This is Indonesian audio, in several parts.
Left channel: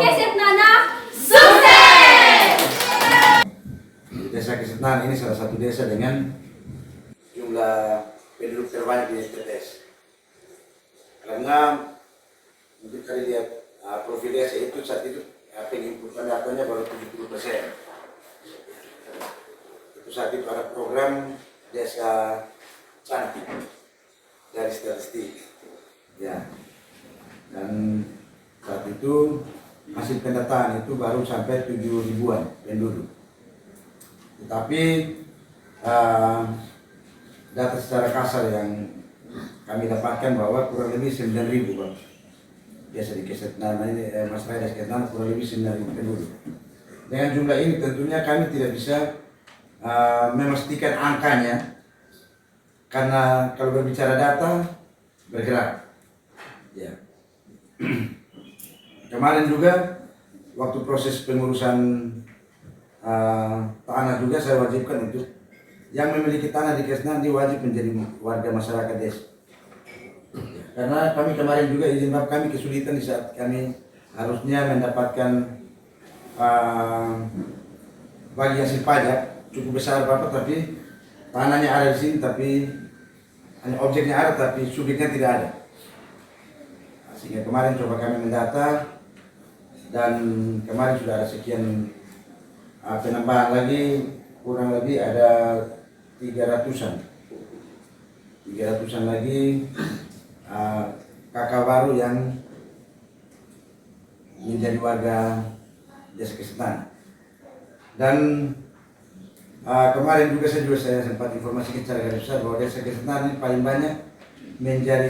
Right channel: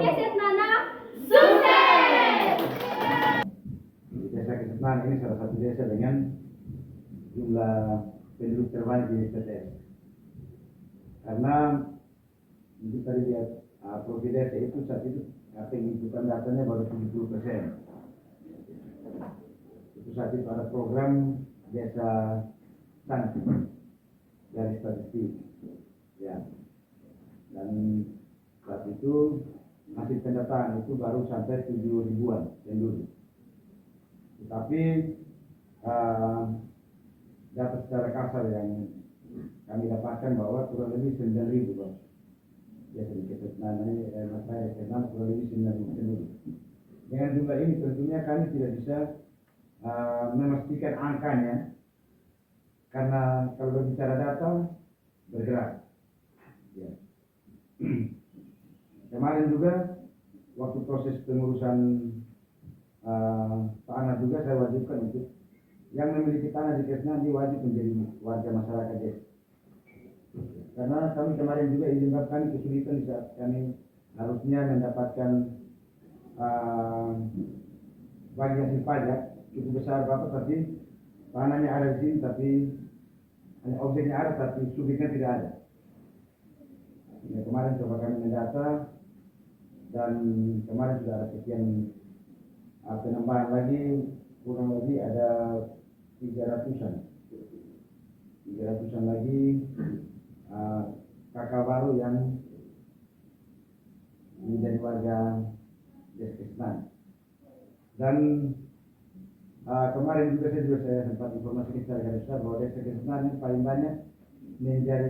Keset Nana sukses! Desa Kesetnan ini salah satu desa dengan jumlah penduduk terbanyak di TTS. Karena untuk kali lihat profil desa itu saat itu penginputan datanya baru 70%. Itu saat itu ada program desa cantik dari statistik, ya. Dan saat itu hasil pendataan itu baru sampai 7 ribuan penduduk. Tetapi data secara kasar yang kami dapatkan bahwa kurang lebih 9.000 Pak. Biasa di Kesetnan ini masyarakat di Kesetnan kurang lebih 9.000 penduduk. Dengan jumlah ini tentunya kami tidak bisa memastikan angkanya, karena kalau berbicara data bergerak. Ya. Kemarin juga waktu proses pengurusan tanah juga saya wajibkan untuk yang memiliki tanah di Kesetnan dia wajib menjadi warga masyarakat desa. Karena kami kemarin juga izin bab kami kesulitan di saat kami harusnya mendapatkan bagi hasil pajak cukup besar Bapak, tapi tanahnya ada di sini tapi hanya objeknya ada tapi subjeknya tidak ada. Sehingga kemarin coba kami mendata dan kemarin sudah ada sekian penambahan lagi, kurang lebih ada 300-an lagi kakak baru yang menjadi warga desa Kesetnan. Dan kemarin juga saya sempat informasi secara garis besar bahwa desa Kesetnan ini paling banyak menjadi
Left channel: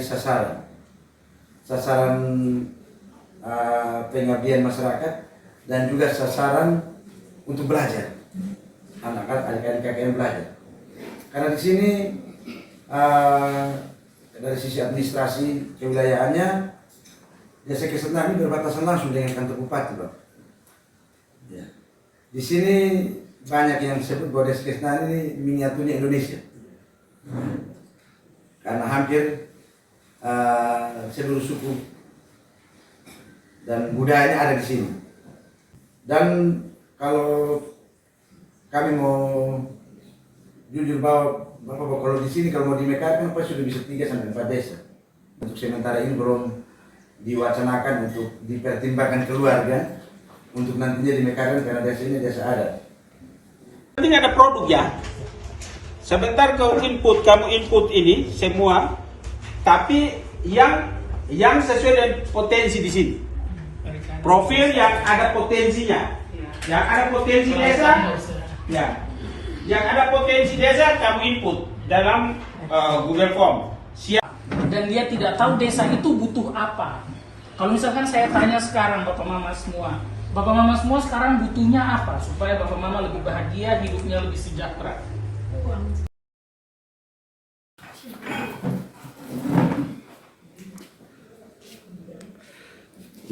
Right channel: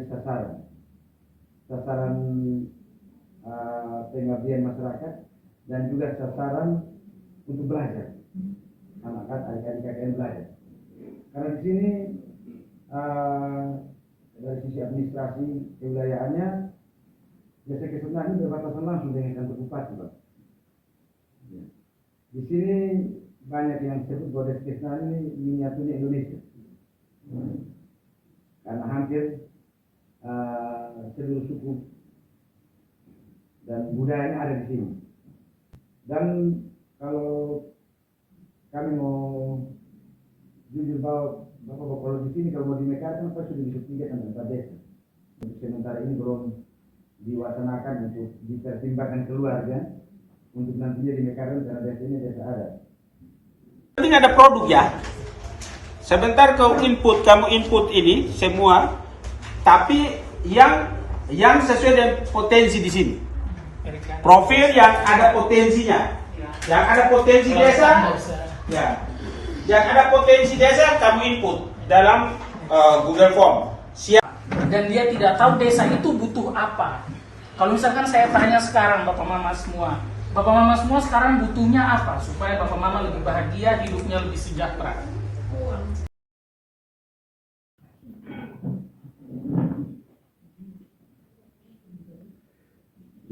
sasaran pengabdian masyarakat dan juga sasaran untuk belajar, adik-adik KKN belajar. Karena di sini dari sisi administrasi kewilayahannya desa Kesetnan ini berbatasan langsung dengan kantor bupati, Pak. Ya. Di sini banyak yang disebut bahwa desa Kesetnan ini miniaturnya Indonesia, karena hampir seluruh suku dan budayanya ada di sini. Dan kalau kami mau jujur bahwa Bapak kalau di sini kalau mau dimekarkan pasti sudah bisa 3 sampai 4 desa. Untuk sementara ini belum diwacanakan untuk dipertimbangkan keluarga untuk nantinya dimekarkan karena desa ini desa adat. Ini ada produk ya. Sebentar kamu input ini semua, tapi yang sesuai dengan potensi di sini. Profil yang ada potensinya, yang ada potensi desa, ya. Yang ada potensi desa kamu input dalam Google Form. Siap. Dan dia tidak tahu desa itu butuh apa. Kalau misalkan saya tanya sekarang Bapak Mama semua sekarang butuhnya apa supaya Bapak Mama lebih bahagia, hidupnya lebih sejahtera.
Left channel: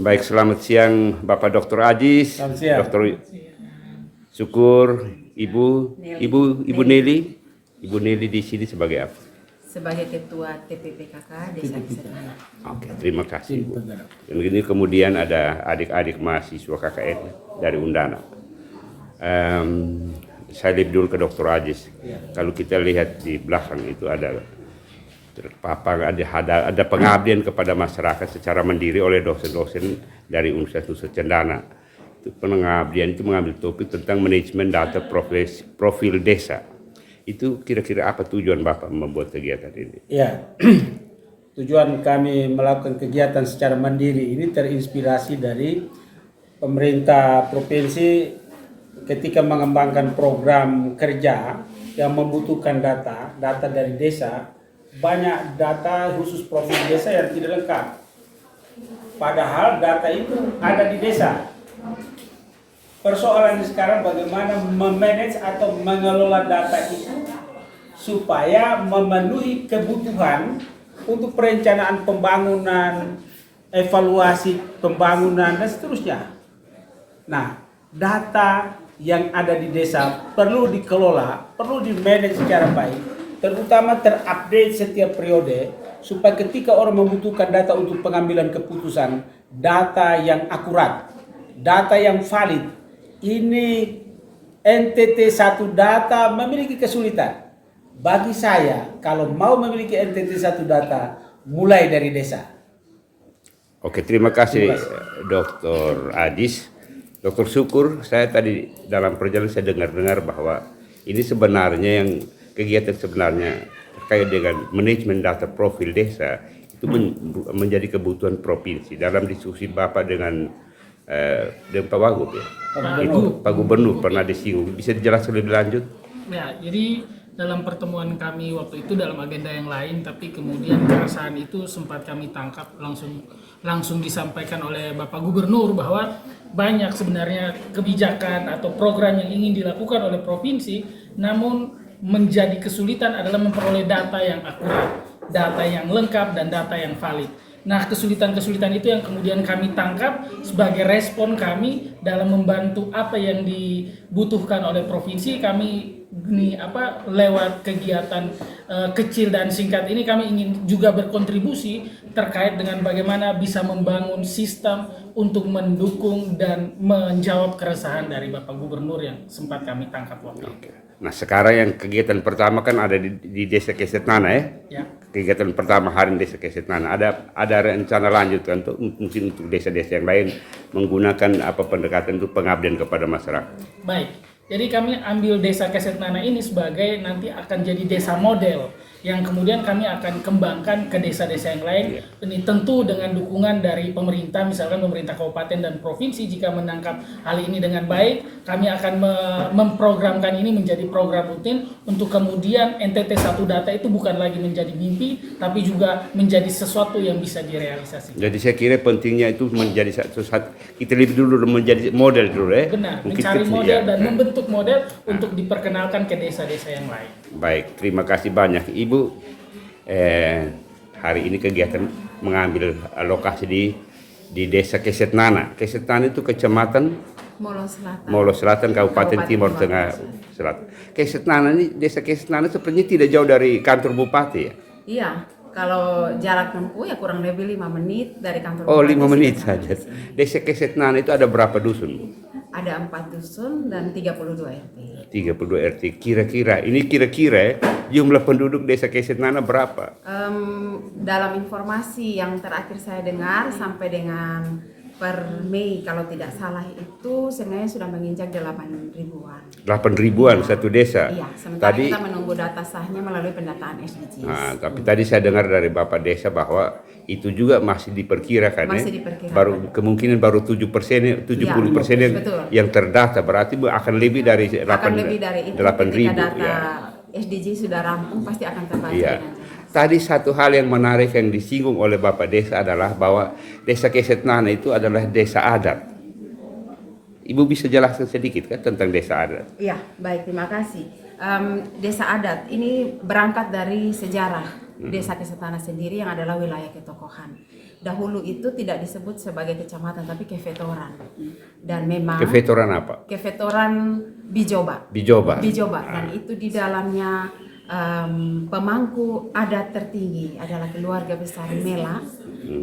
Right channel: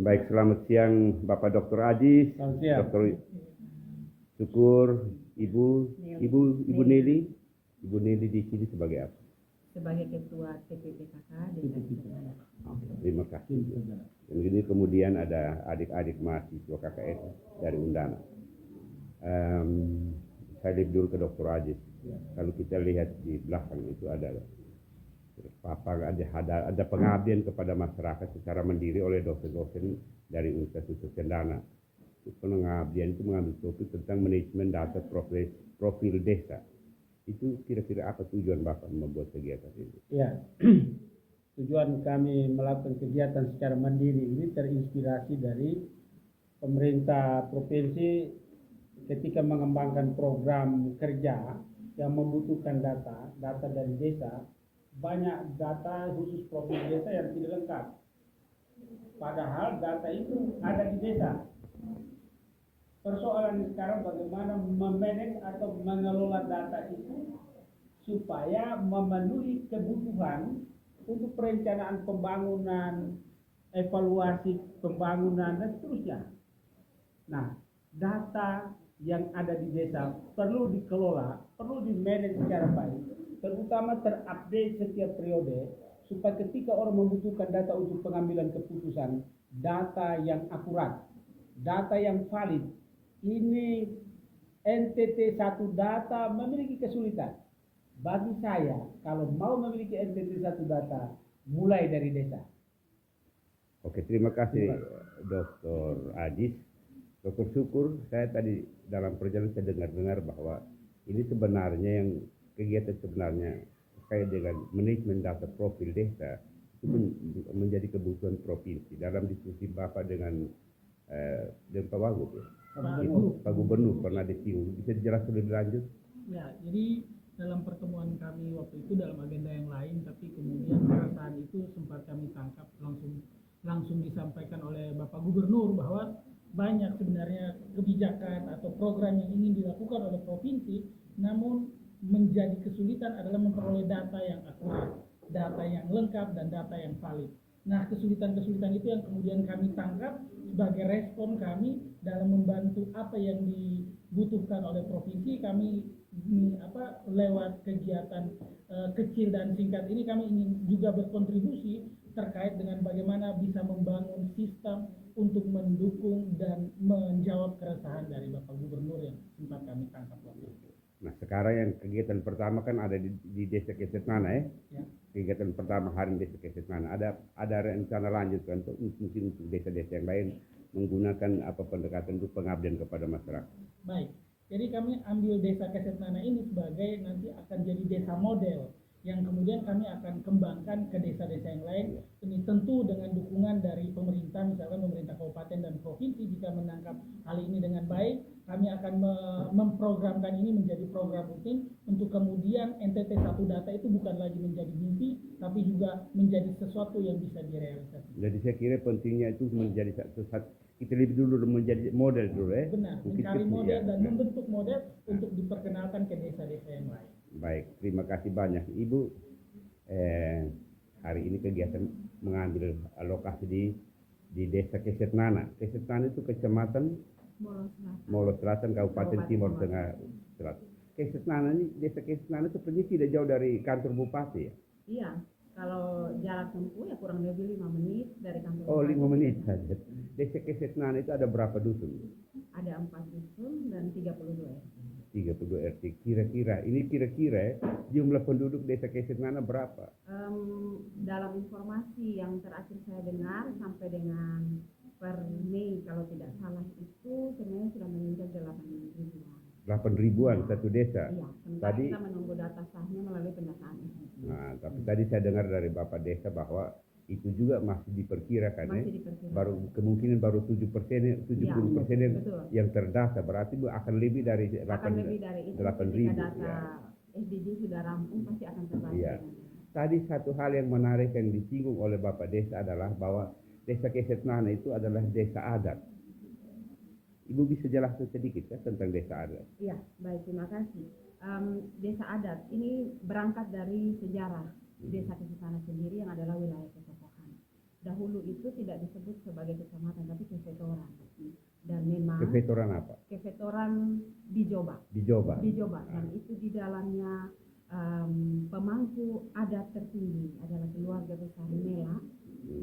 Baik, selamat siang Bapak Dr. Ajis, Dr. Syukur, Ibu Nelly. Ibu Nelly di sini sebagai apa? Sebagai Ketua TPPKK Desa Kesetnan. Oke, terima kasih Bu. Dan ini kemudian ada adik-adik mahasiswa KKN dari Undana. Saya lihat dulu ke Dr. Ajis. Kalau kita lihat di belakang itu ada terpapar, ada pengabdian kepada masyarakat secara mandiri oleh dosen-dosen dari Universitas Cendana. Itu pengabdian itu mengambil topik tentang manajemen data profil desa. Itu kira-kira apa tujuan Bapak membuat kegiatan ini? Ya, tujuan kami melakukan kegiatan secara mandiri ini terinspirasi dari pemerintah provinsi ketika mengembangkan program kerja yang membutuhkan data dari desa. Banyak data khusus profil desa yang tidak lengkap. Padahal data itu ada di desa. Persoalan sekarang bagaimana memanage atau mengelola data itu supaya memenuhi kebutuhan untuk perencanaan pembangunan, evaluasi pembangunan dan seterusnya. Nah, data yang ada di desa perlu dikelola, perlu dimanage secara baik, terutama terupdate setiap periode supaya ketika orang membutuhkan data untuk pengambilan keputusan, data yang akurat, data yang valid. Ini NTT 1 data memiliki kesulitan. Bagi saya, kalau mau memiliki NTT 1 data, mulai dari desa. Oke, terima kasih Dr. Ajis. Dr. Syukur, saya tadi dalam perjalanan saya dengar-dengar bahwa ini sebenarnya yang kegiatan sebenarnya terkait dengan manajemen data profil desa itu menjadi kebutuhan provinsi. Dalam diskusi Bapak dengan Pak Wagub ya, itu Pak Gubernur pernah disinggung. Bisa dijelaskan lebih lanjut? Ya, jadi dalam pertemuan kami waktu itu dalam agenda yang lain, tapi kemudian keresahan itu sempat kami tangkap langsung disampaikan oleh Bapak Gubernur bahwa banyak sebenarnya kebijakan atau program yang ingin dilakukan oleh provinsi, namun menjadi kesulitan adalah memperoleh data yang akurat, data yang lengkap, dan data yang valid. Nah, kesulitan-kesulitan itu yang kemudian kami tangkap sebagai respon kami dalam membantu apa yang dibutuhkan oleh provinsi. Kami lewat kegiatan kecil dan singkat ini kami ingin juga berkontribusi terkait dengan bagaimana bisa membangun sistem untuk mendukung dan menjawab keresahan dari Bapak Gubernur yang sempat kami tangkap waktu itu. Nah, sekarang yang kegiatan pertama kan ada di Desa Kesetnana ya. Ya. Kegiatan pertama hari di Desa Kesetnana. Ada rencana lanjut kan mungkin untuk desa-desa yang lain menggunakan pendekatan untuk pengabdian kepada masyarakat. Baik. Jadi kami ambil Desa Kesetnana ini sebagai nanti akan jadi desa model yang kemudian kami akan kembangkan ke desa-desa yang lain. Ini tentu dengan dukungan dari pemerintah, misalkan pemerintah kabupaten dan provinsi. Jika menangkap hal ini dengan baik, kami akan memprogramkan ini menjadi program rutin untuk kemudian NTT 1 data itu bukan lagi menjadi mimpi, tapi juga menjadi sesuatu yang bisa direalisasikan. Jadi saya kira pentingnya itu menjadi sesuatu, kita lebih dulu menjadi model dulu ya. Benar, Mungkin mencari itu, model ya. dan membentuk model untuk diperkenalkan ke desa-desa yang lain. Baik, terima kasih banyak Ibu. Hari ini kegiatan mengambil lokasi di Desa Kesetnana. Kesetnana itu kecamatan Molo Selatan. Selatan, Kabupaten Timur Tengah Selatan. Kesetnana ini, Desa Kesetnana sepertinya tidak jauh dari kantor Bupati ya? Iya, kalau jarak tempuh ya kurang lebih 5 menit dari kantor Oh, bupati 5 menit sudah saja. sampai di sini. Desa Kesetnana itu ada berapa dusun, Bu? Ada 4 dusun dan 32 RT. 32 RT. Kira-kira jumlah penduduk Desa Kesetnana berapa? Dalam informasi yang terakhir saya dengar sampai dengan per Mei kalau tidak salah itu sebenarnya sudah menginjak 8 ribuan. 8 ribuan satu desa. Iya, sementara Tadi, kita menunggu data sahnya melalui pendataan SDGs. nah, tapi tadi saya dengar dari Bapak Desa bahwa itu juga masih diperkirakan, Masih ya? diperkirakan. Kemungkinan baru 70% 70% betul. yang terdata, berarti akan lebih dari 8 Akan lebih dari itu ketika ribu. data Ya. SDG sudah rampung pasti akan terbaca Iya. dengan jelas. Tadi satu hal yang menarik yang disinggung oleh Bapak Desa adalah bahwa Desa Kesetnana itu adalah desa adat. Ibu bisa jelaskan sedikit kan tentang desa adat? Iya, baik, terima kasih. Desa adat ini berangkat dari sejarah Desa Kesetnana sendiri yang adalah wilayah ketokohan. Dahulu itu tidak disebut sebagai kecamatan tapi kefetoran. Dan memang Kefetoran apa? kefetoran Bijoba. Bijoba. Dan itu di dalamnya pemangku adat tertinggi adalah keluarga besar Mela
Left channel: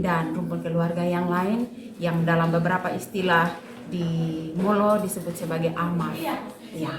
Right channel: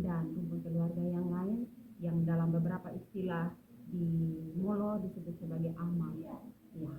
dan rumpun keluarga yang lain yang dalam beberapa istilah di Molo disebut sebagai amal. Ya,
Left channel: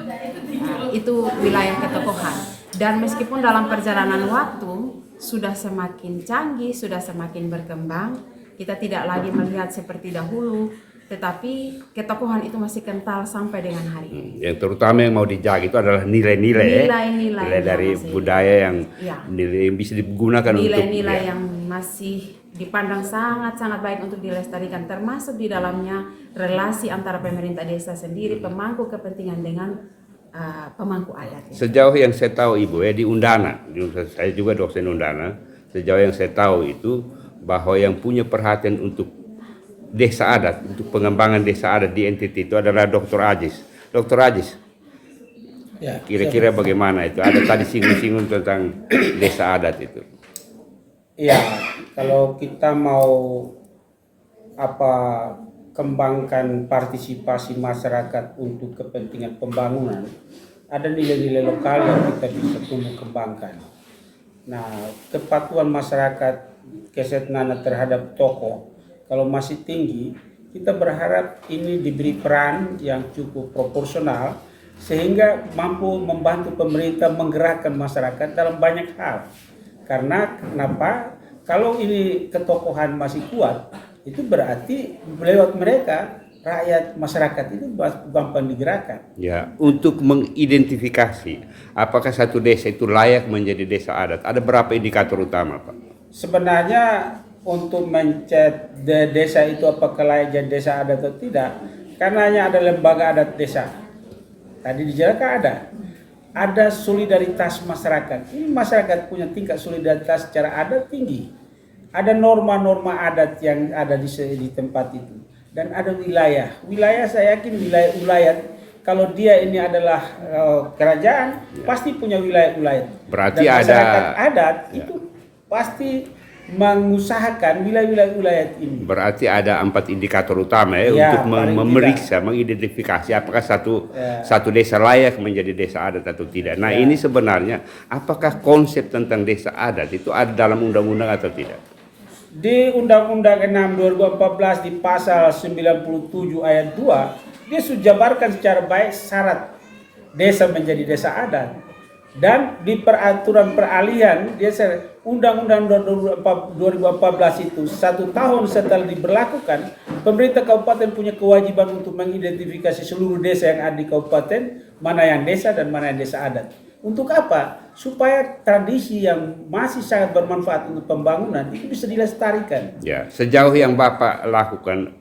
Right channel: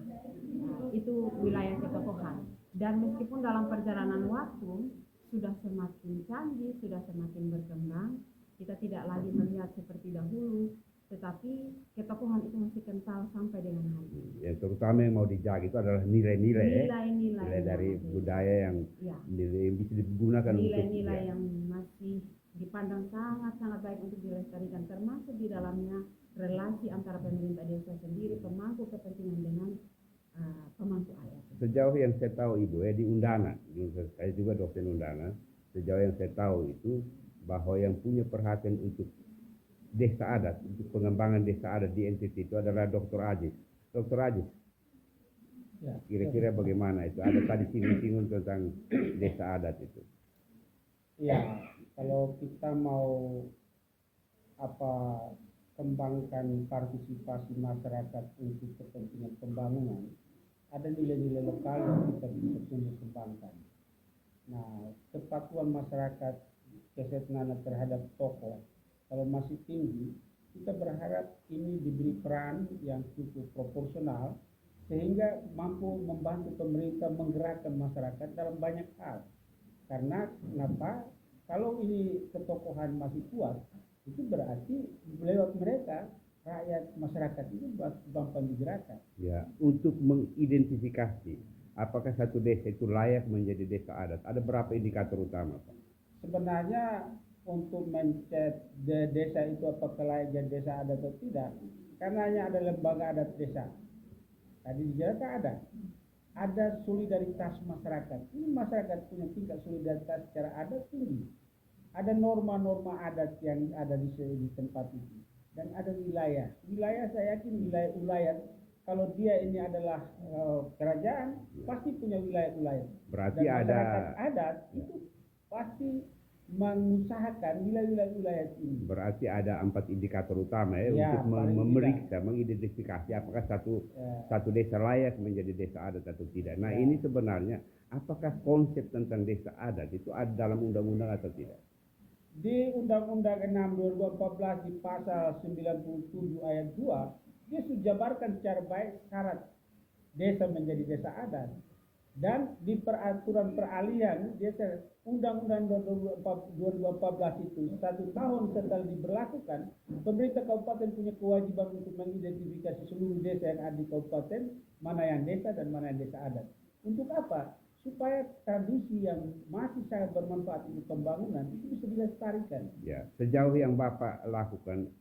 itu wilayah ketokohan. Dan meskipun dalam perjalanan waktu sudah semakin canggih, sudah semakin berkembang, kita tidak lagi melihat seperti dahulu, tetapi ketokohan itu masih kental sampai dengan hari ini. Yang terutama yang mau dijaga itu adalah nilai-nilai Nilai-nilai dari yang masih- budaya yang Ya. nilai yang bisa digunakan Nilai-nilai untuk yang masih dipandang sangat-sangat baik untuk dilestarikan, termasuk di dalamnya relasi antara pemerintah desa sendiri, pemangku kepentingan dengan pemangku adat. Sejauh yang saya tahu Ibu ya di Undana, saya juga dosen Undana. Sejauh yang saya tahu itu bahwa yang punya perhatian untuk desa adat, untuk pengembangan desa adat di NTT itu adalah Dr. Ajis. Dr. Ajis, Ya, kira-kira bagaimana itu? Ada tadi singgung-singgung tentang desa adat itu. Iya, kalau kita mau kembangkan partisipasi masyarakat untuk kepentingan pembangunan, ada nilai-nilai lokal yang kita bisa tumbuh kembangkan. Nah, kepatuhan masyarakat Kesetnana terhadap tokoh kalau masih tinggi, kita berharap ini diberi peran yang cukup proporsional sehingga mampu membantu pemerintah menggerakkan masyarakat dalam banyak hal. Karena kenapa? Kalau ini ketokohan masih kuat, itu berarti lewat mereka rakyat masyarakat itu gampang digerakkan. Ya, untuk mengidentifikasi apakah satu desa itu layak menjadi desa adat, ada berapa indikator utama, Pak? Sebenarnya untuk mencet desa itu apakah layak jadi desa adat atau tidak, karena hanya ada lembaga adat desa. Tadi dijelaskan ada solidaritas masyarakat. Ini masyarakat punya tingkat solidaritas secara adat tinggi. Ada norma-norma adat yang ada di tempat itu. Dan ada wilayah. Wilayah saya yakin wilayah kalau dia ini adalah kerajaan, pasti punya wilayah-wilayah. Berarti dan masyarakat ada adat itu pasti mengusahakan wilayah-wilayah ini. Berarti ada 4 indikator utama ya, untuk memeriksa, mengidentifikasi apakah satu desa layak menjadi desa adat atau tidak. Nah, ini sebenarnya apakah konsep tentang desa adat itu ada dalam undang-undang atau tidak? Di Undang-Undang 6 2014 di pasal 97 ayat 2, dia sudah jabarkan secara baik syarat desa menjadi desa adat. Dan di peraturan peralihan dia Undang-Undang 2014 itu 1 tahun setelah diberlakukan, pemerintah kabupaten punya kewajiban untuk mengidentifikasi seluruh desa yang ada di kabupaten, mana yang desa dan mana yang desa adat. Untuk apa? Supaya tradisi yang masih sangat bermanfaat untuk pembangunan itu bisa dilestarikan. Ya, sejauh yang Bapak lakukan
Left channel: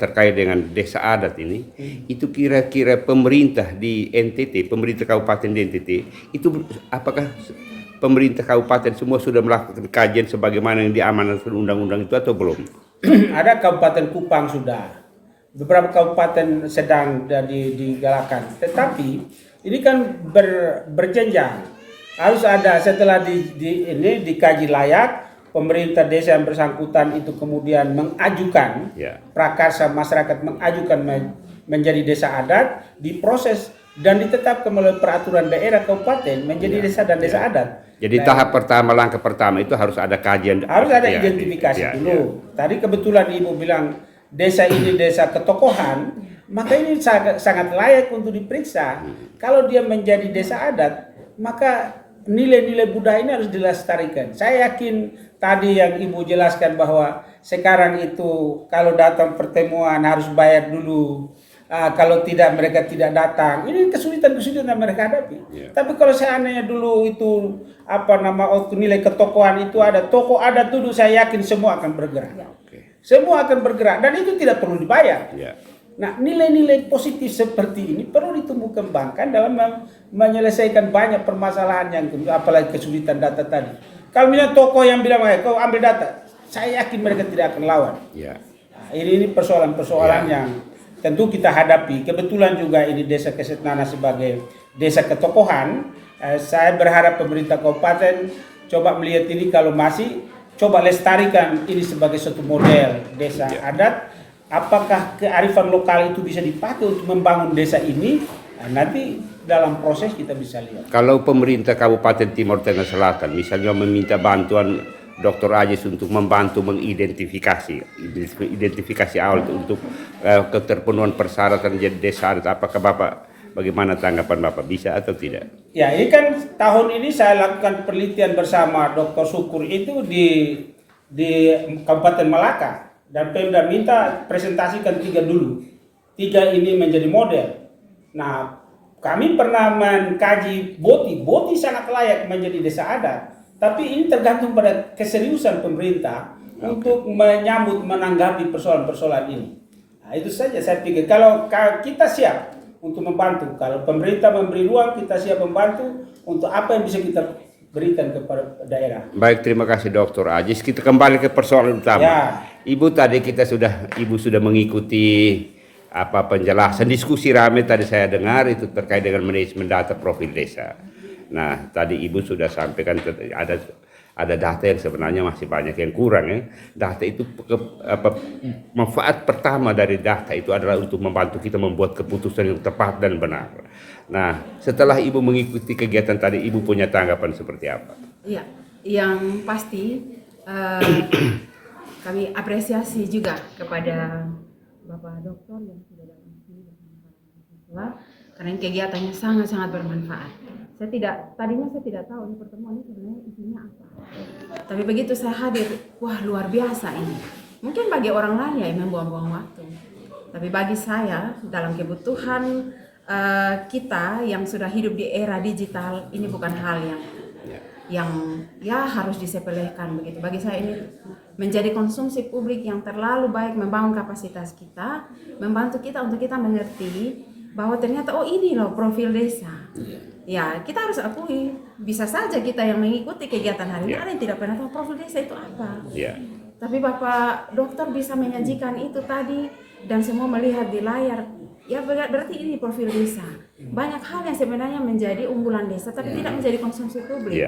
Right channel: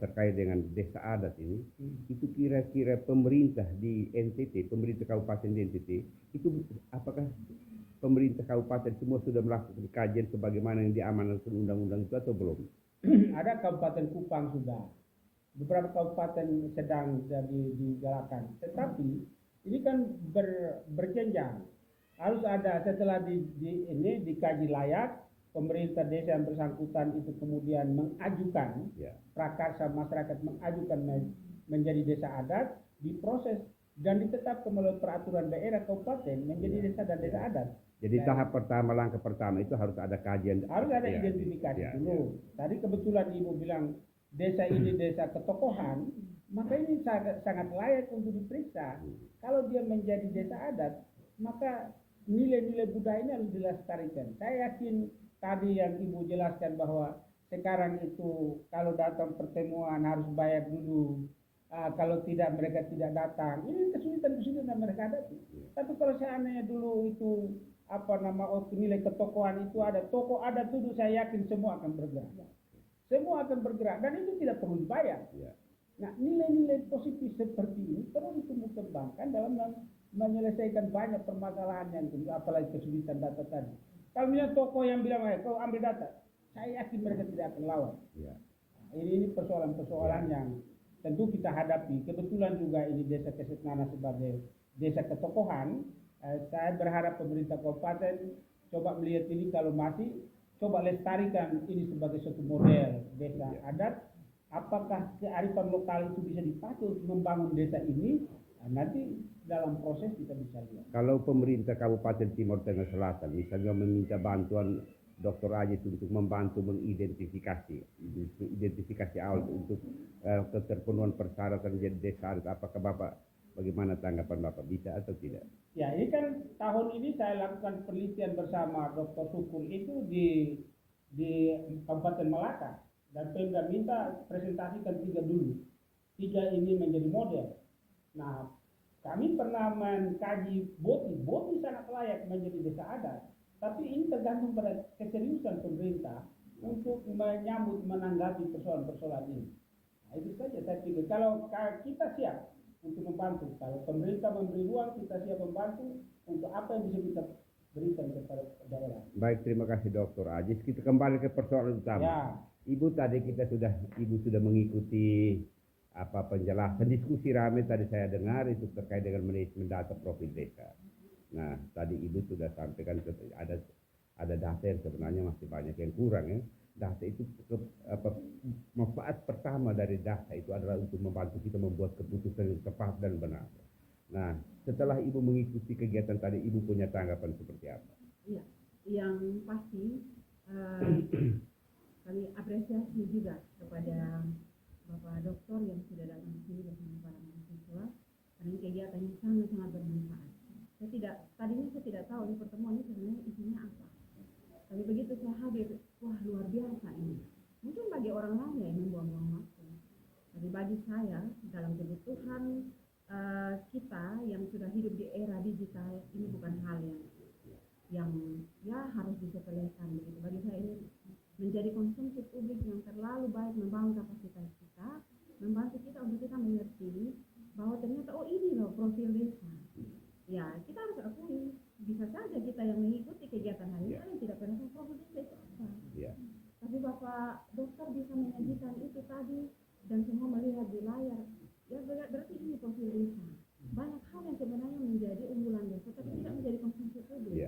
terkait dengan desa adat ini, itu kira-kira pemerintah di NTT, pemerintah kabupaten di NTT, itu apakah pemerintah kabupaten semua sudah melakukan kajian sebagaimana yang diamanatkan undang-undang itu atau belum? Ada Kabupaten Kupang sudah, beberapa kabupaten sedang digalakkan, tetapi ini kan berjenjang. Harus ada setelah ini dikaji layak, pemerintah desa yang bersangkutan itu kemudian mengajukan prakarsa masyarakat mengajukan menjadi desa adat, diproses dan ditetapkan melalui peraturan daerah kabupaten menjadi desa dan desa adat. Jadi tahap pertama, langkah pertama itu harus ada kajian, harus ada identifikasi dulu. Tadi kebetulan Ibu bilang desa ini desa ketokohan, maka ini sangat layak untuk diperiksa. Kalau dia menjadi desa adat, maka nilai-nilai budaya ini harus dilestarikan. Saya yakin tadi yang Ibu jelaskan bahwa sekarang itu kalau datang pertemuan harus bayar dulu. Kalau tidak mereka tidak datang. Ini kesulitan-kesulitan yang mereka hadapi. Tapi kalau seandainya dulu itu nilai ketokohan itu ada, tokoh adat dulu, saya yakin semua akan bergerak. Semua akan bergerak dan itu tidak perlu dibayar. Nah, nilai-nilai positif seperti ini perlu ditumbuh kembangkan dalam menyelesaikan banyak permasalahan yang apalagi kesulitan data tadi. Kalau misalnya tokoh yang bilang, kau ambil data, saya yakin mereka tidak akan lawan. Nah, ini persoalan-persoalan yang tentu kita hadapi. Kebetulan juga ini desa Kesetnana sebagai desa ketokohan. Saya berharap pemerintah kabupaten coba melihat ini, kalau masih coba lestarikan ini sebagai suatu model desa adat. Apakah kearifan lokal itu bisa dipakai untuk membangun desa ini? Nah, nanti dalam proses kita bisa lihat. Kalau pemerintah Kabupaten Timur Tengah Selatan misalnya meminta bantuan Dr. Ajis untuk membantu identifikasi awal untuk keterpenuhan persyaratan jadi desa adat, apakah Bapak, bagaimana tanggapan Bapak, bisa atau tidak? Ya, ini kan tahun ini saya lakukan penelitian bersama Dr. Syukur itu di Kabupaten Malaka. Dan Pemda minta presentasikan 3 dulu. 3 ini menjadi model. Nah, kami pernah mengkaji Boti sangat layak menjadi desa adat. Tapi ini tergantung pada keseriusan pemerintah untuk menanggapi persoalan-persoalan ini. Nah, itu saja saya pikir. Kalau kita siap untuk membantu, kalau pemerintah memberi ruang, kita siap membantu untuk apa yang bisa kita berikan kepada daerah. Baik, terima kasih Dr. Ajis. Kita kembali ke persoalan utama. Ibu tadi Ibu sudah mengikuti penjelasan diskusi ramai tadi saya dengar itu terkait dengan manajemen data profil desa. Nah, tadi Ibu sudah sampaikan ada data yang sebenarnya masih banyak yang kurang ya. Data itu manfaat pertama dari data itu adalah untuk membantu kita membuat keputusan yang tepat dan benar. Nah, setelah Ibu mengikuti kegiatan tadi, Ibu punya tanggapan seperti apa? Iya, yang pasti kami apresiasi juga kepada Bapak Dokter yang sudah datang ke sini bersama para mahasiswa karena ini kegiatannya sangat-sangat bermanfaat. Tadinya saya tidak tahu ini pertemuan ini sebenarnya isinya apa. Tapi begitu saya hadir, wah luar biasa ini. Mungkin bagi orang lain ya membuang-buang waktu. Tapi bagi saya dalam kebutuhan kita yang sudah hidup di era digital ini bukan hal yang ya harus disepelekan begitu. Bagi saya ini menjadi konsumsi publik yang terlalu baik, membangun kapasitas kita, membantu kita untuk kita mengerti bahwa ternyata oh ini loh profil desa. Ya kita harus akui bisa saja kita yang mengikuti kegiatan hari ini ada yang tidak pernah tahu profil desa itu apa. Tapi Bapak Dokter bisa menyajikan itu tadi dan semua melihat di layar. Ya berarti ini profil desa. Banyak hal yang sebenarnya menjadi unggulan desa tapi tidak menjadi konsumsi publik.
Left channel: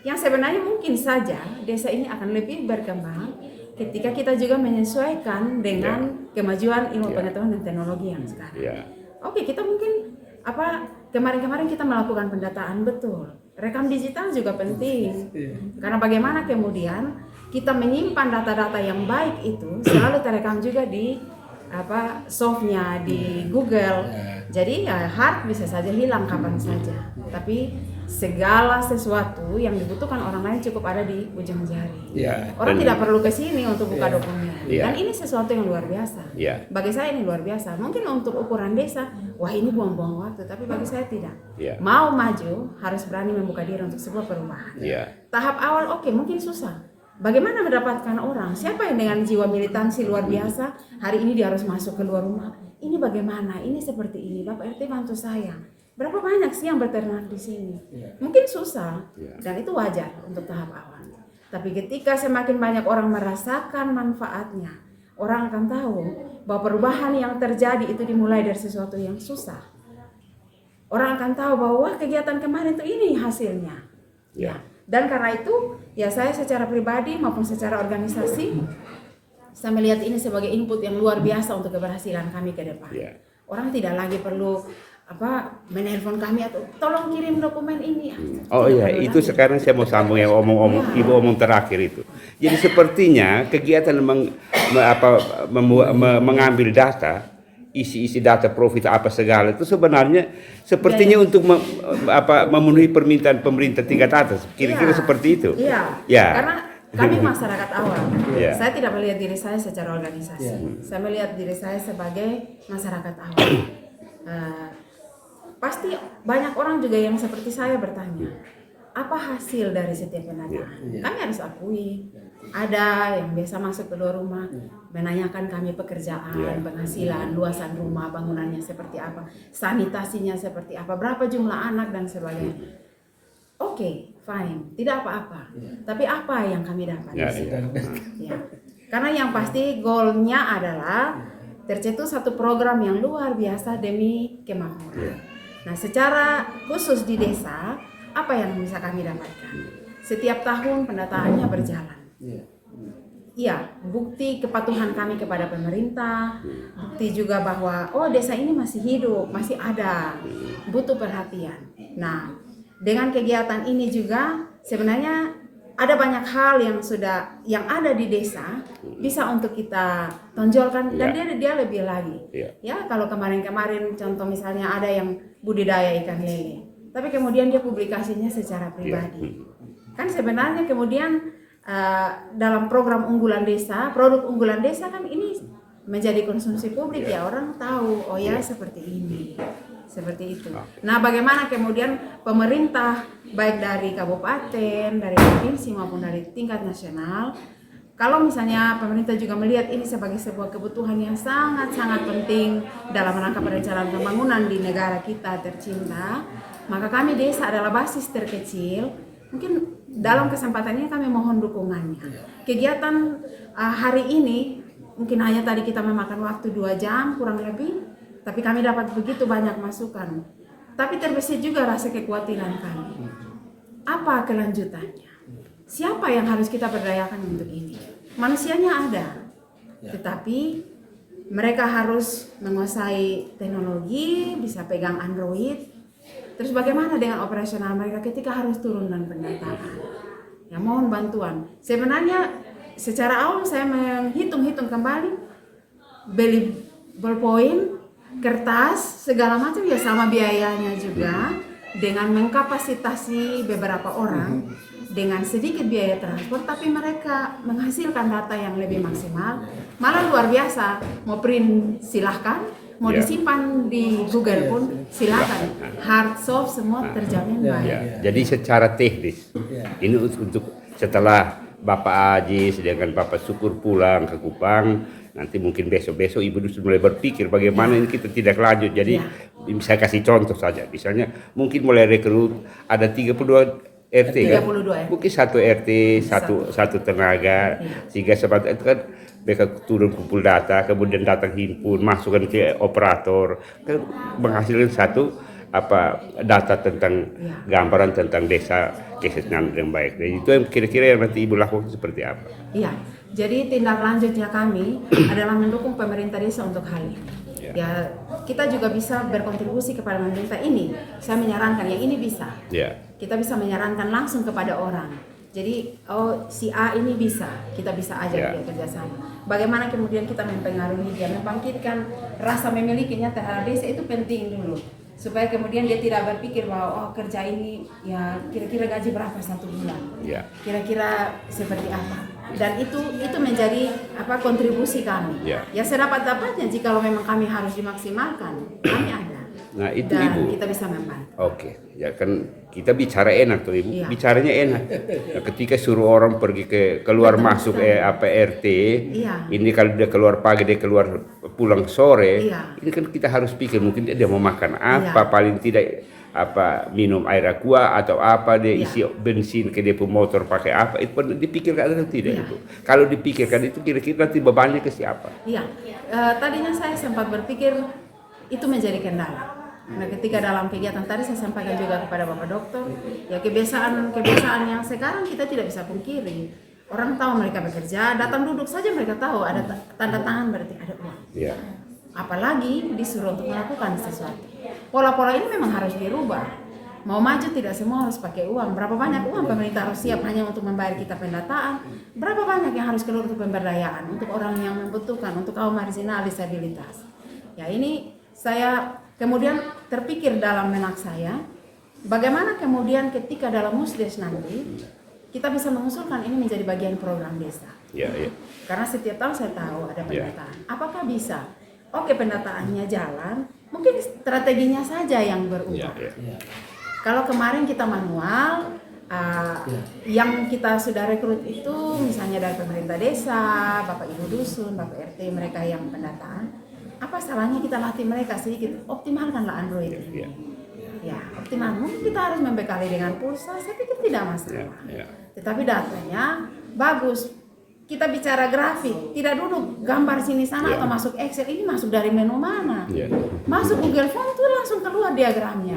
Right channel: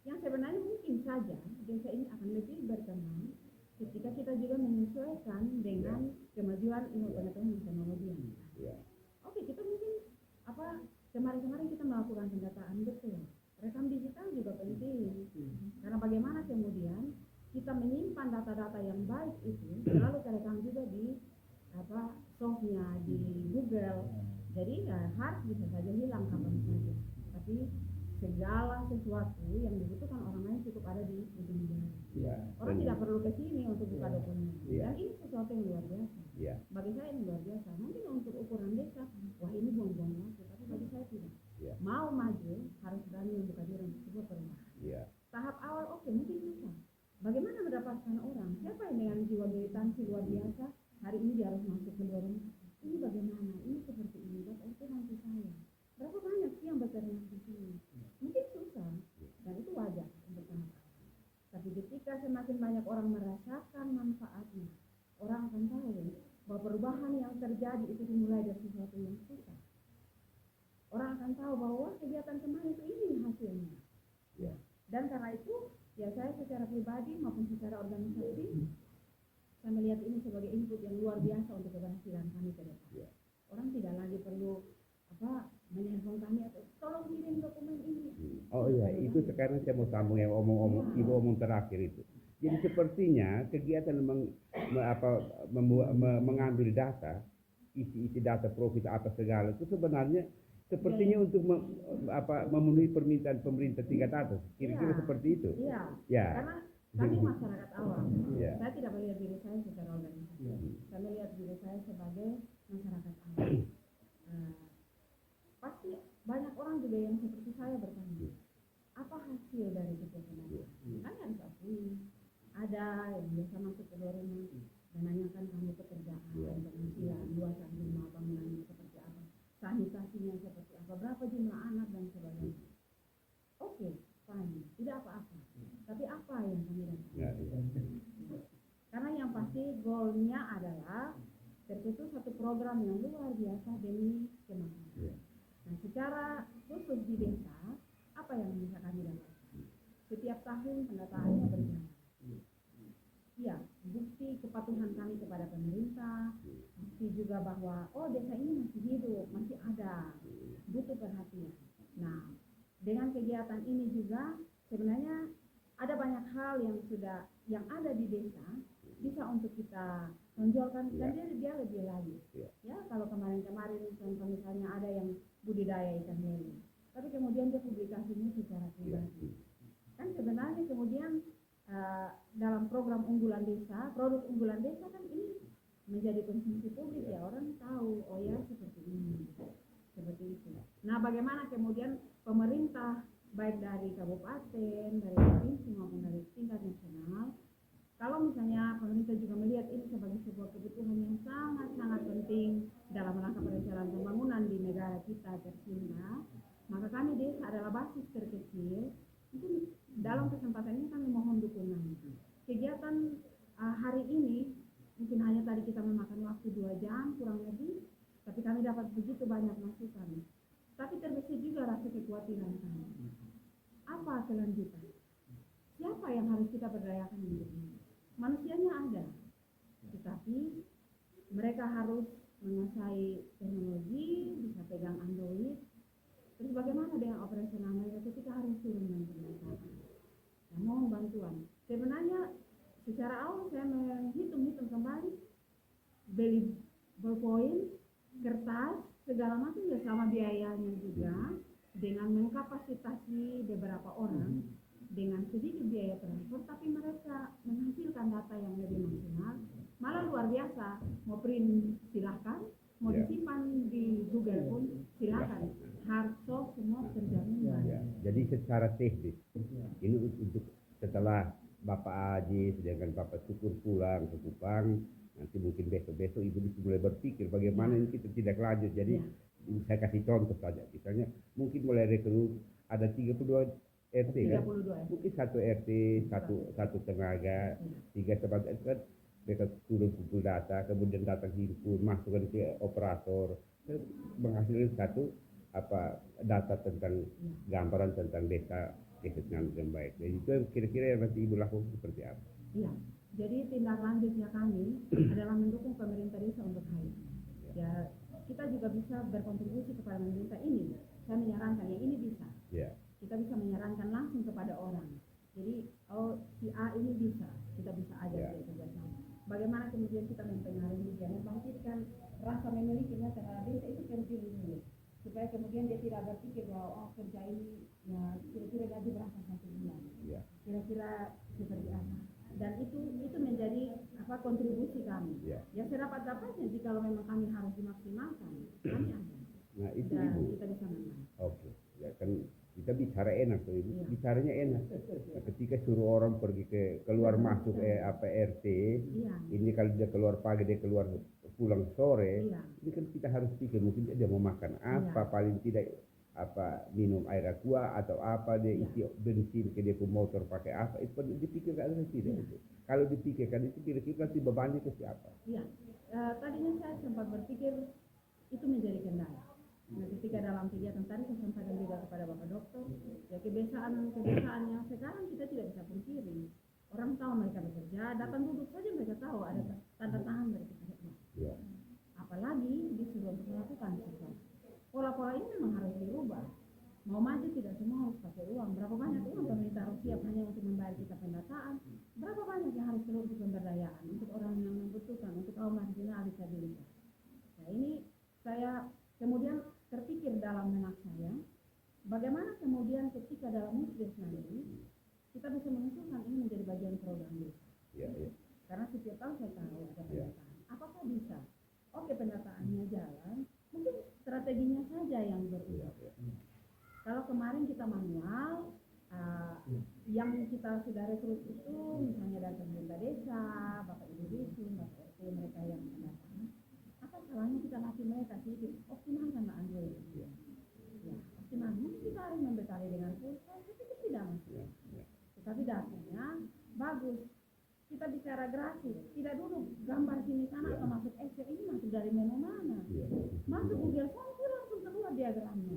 Yang sebenarnya mungkin saja desa ini akan lebih berkembang ketika kita juga menyesuaikan dengan kemajuan ilmu pengetahuan dan teknologi yang sekarang. Oke, kita mungkin kemarin-kemarin kita melakukan pendataan betul. Rekam digital juga penting. Karena bagaimana kemudian kita menyimpan data-data yang baik itu selalu terekam juga di softnya di Google. Jadi ya hard bisa saja hilang kapan saja. Tapi segala sesuatu yang dibutuhkan orang lain cukup ada di ujung jari. Orang tidak perlu ke sini untuk buka dokumen. Dan ini sesuatu yang luar biasa. Bagi saya ini luar biasa. Mungkin untuk ukuran desa, wah ini buang-buang waktu. Tapi bagi saya tidak. Mau maju harus berani membuka diri untuk sebuah perubahan. Tahap awal oke, mungkin susah. Bagaimana mendapatkan orang? Siapa yang dengan jiwa militansi luar biasa hari ini dia harus masuk keluar rumah? Ini bagaimana? Ini seperti ini. Bapak RT bantu saya. Berapa banyak sih yang berternak di sini? Mungkin susah dan itu wajar untuk tahap awal. Tapi ketika semakin banyak orang merasakan manfaatnya, orang akan tahu bahwa perubahan yang terjadi itu dimulai dari sesuatu yang susah. Orang akan tahu bahwa wah, kegiatan kemarin itu ini hasilnya. Dan karena itu ya saya secara pribadi maupun secara organisasi saya melihat ini sebagai input yang luar biasa untuk keberhasilan kami ke depan. Orang tidak lagi perlu menelpon kami atau tolong kirim dokumen ini. Itu sekarang saya mau sambung yang Ibu omong terakhir itu. Jadi sepertinya kegiatan mengambil data, isi data profit apa segala itu sebenarnya sepertinya untuk memenuhi permintaan pemerintah tingkat atas. Kira-kira seperti itu. Karena kami masyarakat awal. Saya tidak melihat diri saya secara organisasi. Saya melihat diri saya sebagai masyarakat awal. Pasti banyak orang juga yang seperti saya bertanya, apa hasil dari setiap pendataan? Kami harus akui, ada yang biasa masuk ke luar rumah, menanyakan kami pekerjaan, penghasilan, luasan rumah, bangunannya seperti apa, sanitasinya seperti apa, berapa jumlah anak dan sebagainya. Oke, fine, tidak apa-apa. Tapi apa yang kami dapat? Karena yang pasti goalnya adalah tercetus satu program yang luar biasa demi kemakmuran. Nah, secara khusus di desa, apa yang bisa kami dapatkan? Setiap tahun pendataannya berjalan. Bukti kepatuhan kami kepada pemerintah, bukti juga bahwa desa ini masih hidup, masih ada, butuh perhatian. Nah, dengan kegiatan ini juga sebenarnya ada banyak hal yang ada di desa bisa untuk kita tonjolkan dan dia lebih lagi. Kalau kemarin-kemarin contoh misalnya ada yang budidaya ikan lele, tapi kemudian dia publikasinya secara pribadi. Kan sebenarnya kemudian dalam program unggulan desa, produk unggulan desa kan ini menjadi konsumsi publik orang tahu seperti ini. Seperti itu. Nah, bagaimana kemudian pemerintah baik dari kabupaten, dari provinsi maupun dari tingkat nasional, kalau misalnya pemerintah juga melihat ini sebagai sebuah kebutuhan yang sangat-sangat penting dalam rangka perencanaan pembangunan di negara kita tercinta, maka kami desa adalah basis terkecil. Mungkin dalam kesempatan ini kami mohon dukungannya. Kegiatan hari ini mungkin hanya tadi kita memakan waktu 2 jam kurang lebih. Tapi kami dapat begitu banyak masukan. Tapi terbesit juga rasa kekhawatiran kami. Apa kelanjutannya? Siapa yang harus kita berdayakan untuk ini? Manusianya ada. Tetapi mereka harus menguasai teknologi, bisa pegang Android. Terus bagaimana dengan operasional mereka ketika harus turun dan pendataan? Mohon bantuan. Sebenarnya secara awal saya menghitung-hitung kembali, beli ballpoint, kertas, segala macam ya sama biayanya juga, dengan mengkapasitasi beberapa orang dengan sedikit biaya transport, tapi mereka menghasilkan data yang lebih maksimal, malah luar biasa. Mau print silahkan, mau disimpan di Google pun silakan, hard soft semua terjamin baik. Ya, jadi secara teknis ini untuk setelah Bapak Ajis dengan Bapak Syukur pulang ke Kupang, nanti mungkin besok-besok Ibu sudah mulai berpikir bagaimana ini kita tidak lanjut. Jadi saya kasih contoh saja, misalnya mungkin mulai rekrut ada 32 RT kan, 32 mungkin satu RT satu tenaga, sehingga sebab itu kan mereka turun kumpul data, kemudian datang himpun, masukkan ke operator, kan menghasilkan satu data tentang gambaran tentang desa Kesetnan yang baik. Dan itu yang kira-kira yang nanti Ibu lakukan seperti apa? Iya, jadi tindak lanjutnya kami adalah mendukung pemerintah desa untuk hal ini. Ya, kita juga bisa berkontribusi kepada pemerintah ini. Saya menyarankan yang ini bisa. Kita bisa menyarankan langsung kepada orang. Jadi, si A ini bisa, kita bisa ajak dia kerjasama. Bagaimana kemudian kita mempengaruhi dia, membangkitkan rasa memilikinya terhadap desa itu penting dulu. Supaya kemudian dia tidak berpikir bahwa kerja ini ya kira-kira gaji berapa satu bulan, kira-kira seperti apa. Dan itu menjadi kontribusi kami. Ya sedapat-dapatnya jika memang kami harus dimaksimalkan, kami ada. Nah itu dan Ibu. kita bisa membantu. Oke, ya kan kita bicara enak tuh Ibu, bicaranya enak. Nah, ketika suruh orang pergi keluar masuk RT, ini kalau dia keluar pagi dia keluar pulang sore, ini kan kita harus pikir mungkin dia mau makan apa, paling tidak minum air aqua atau apa, dia isi bensin ke dia motor pakai apa, itu pun dipikirkan atau tidak itu. Kalau dipikirkan itu kira-kira nanti bebannya ke siapa? Iya, tadinya saya sempat berpikir itu menjadi kendala. Nah, ketika dalam kegiatan tadi saya sampaikan juga kepada Bapak Dokter, ya kebiasaan yang sekarang kita tidak bisa pungkiri. Orang tahu mereka bekerja, datang duduk saja mereka tahu ada tanda tangan berarti ada uang. Apalagi disuruh untuk melakukan sesuatu. Pola-pola ini memang harus dirubah. Mau maju tidak semua harus pakai uang. Berapa banyak uang pemerintah harus siap hanya untuk membayar kita pendataan? Berapa banyak yang harus keluar untuk pemberdayaan, untuk orang yang membutuhkan, untuk kaum marginal, disabilitas. Ya ini saya kemudian terpikir dalam benak saya, bagaimana kemudian ketika dalam Musdes nanti kita bisa mengusulkan ini menjadi bagian program desa. Karena setiap tahun saya tahu ada pendataan. Apakah bisa? Oke, pendataannya jalan, mungkin strateginya saja yang berubah. Kalau kemarin kita manual, yang kita sudah rekrut itu misalnya dari pemerintah desa, Bapak Ibu Dusun, Bapak RT, mereka yang pendataan. Apa salahnya kita latih mereka sedikit, optimalkanlah Android ini. Ya, optimal. Mungkin kita harus membekali dengan pulsa, saya pikir tidak masalah. Tetapi datanya bagus. Kita bicara grafik, tidak duduk gambar sini sana atau masuk Excel, ini masuk dari menu mana? Masuk Google Form itu langsung keluar diagramnya.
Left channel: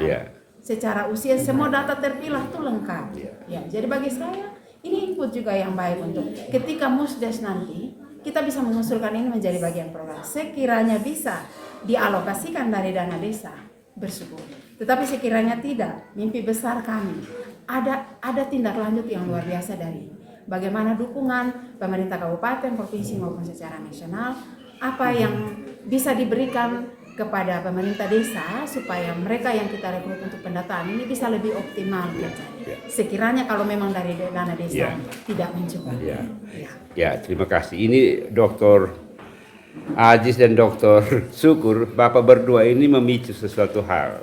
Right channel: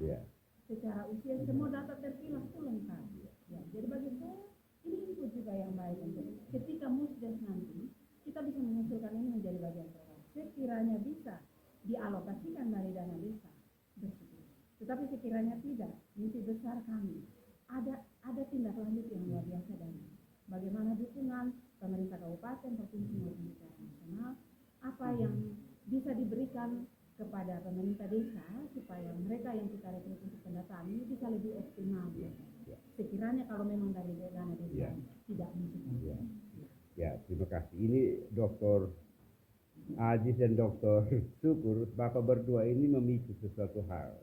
Secara usia semua data terpilah itu lengkap. Jadi bagi saya ini input juga yang baik untuk ketika Musdes nanti kita bisa mengusulkan ini menjadi bagian program. Sekiranya bisa dialokasikan dari dana desa, bersyukur. Tetapi sekiranya tidak, mimpi besar kami ada tindak lanjut yang luar biasa dari ini. Bagaimana dukungan pemerintah kabupaten, provinsi maupun secara nasional, apa yang bisa diberikan kepada pemerintah desa supaya mereka yang kita rekrut untuk pendataan ini bisa lebih optimal. Sekiranya kalau memang dari dana desa tidak mencukupi. Ya, terima kasih. Ini Dr. Ajis dan Dr. Syukur, Bapak berdua ini memicu sesuatu hal.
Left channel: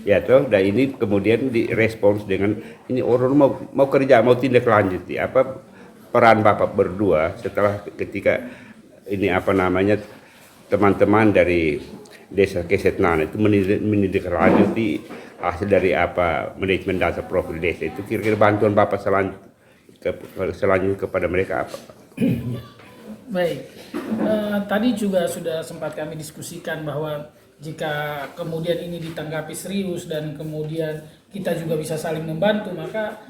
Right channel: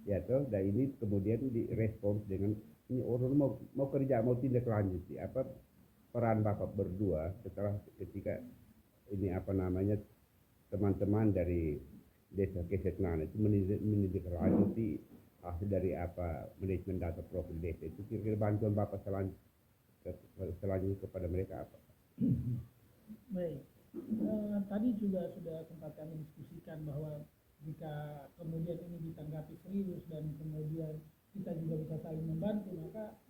Ya toh, dan ini kemudian direspons dengan ini orang mau kerja, mau tindak lanjut. Apa peran Bapak berdua setelah ketika ini teman-teman dari Desa Kesetnan itu menindaklanjuti hasil dari manajemen data profil desa itu, kira-kira bantuan Bapak selanjutnya kepada mereka apa? Baik, tadi juga sudah sempat kami diskusikan bahwa jika kemudian ini ditanggapi serius dan kemudian kita juga bisa saling membantu, maka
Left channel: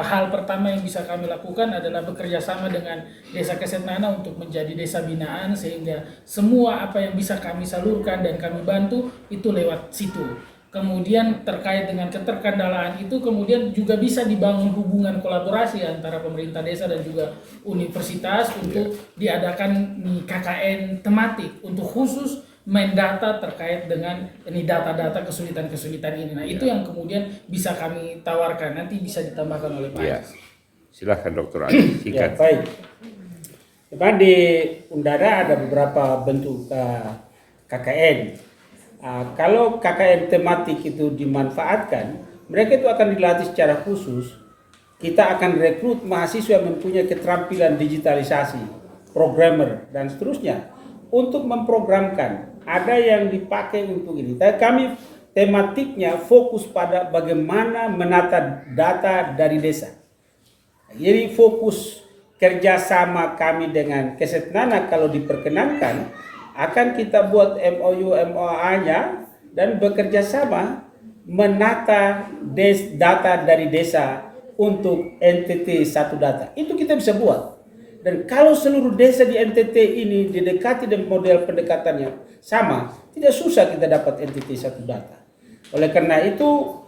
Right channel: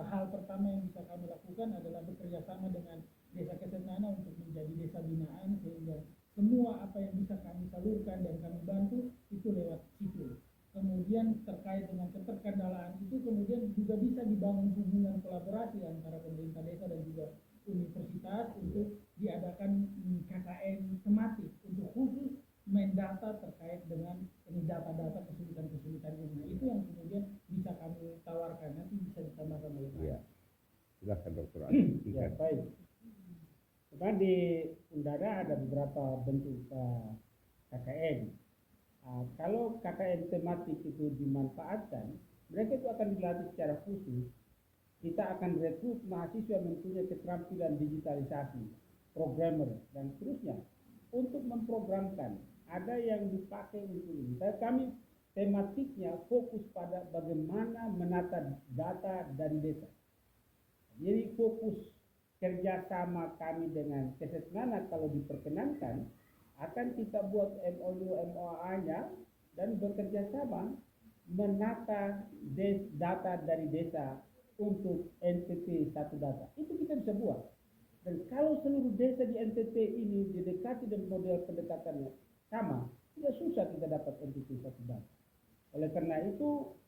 hal pertama yang bisa kami lakukan adalah bekerja sama dengan Desa Kesetnana untuk menjadi desa binaan, sehingga semua apa yang bisa kami salurkan dan kami bantu itu lewat situ. kemudian terkait dengan keterkandalaan itu kemudian juga bisa dibangun hubungan kolaborasi antara pemerintah desa dan juga universitas untuk diadakan nih KKN tematik untuk khusus main data terkait dengan ini data-data kesulitan-kesulitan ini. Nah, itu yang kemudian bisa kami tawarkan, nanti bisa ditambahkan oleh Pak Ya. Ajis. Silahkan Dr. Ajis, Ya, singkat. baik. Memang di Undara ada beberapa bentuk KKN. Kalau KKN tematik itu dimanfaatkan, mereka itu akan dilatih secara khusus. Kita akan rekrut mahasiswa yang mempunyai keterampilan digitalisasi, programmer, dan seterusnya untuk memprogramkan. Ada yang dipakai untuk ini. Tapi kami tematiknya fokus pada bagaimana menata data dari desa. Jadi fokus kerjasama kami dengan Kesetnana kalau diperkenankan akan kita buat MOU MOA-nya dan bekerja sama menata data dari desa untuk NTT satu data. Itu kita bisa buat. Dan kalau seluruh desa di NTT ini didekati dengan model pendekatannya sama, tidak susah kita dapat NTT satu data. Oleh karena itu,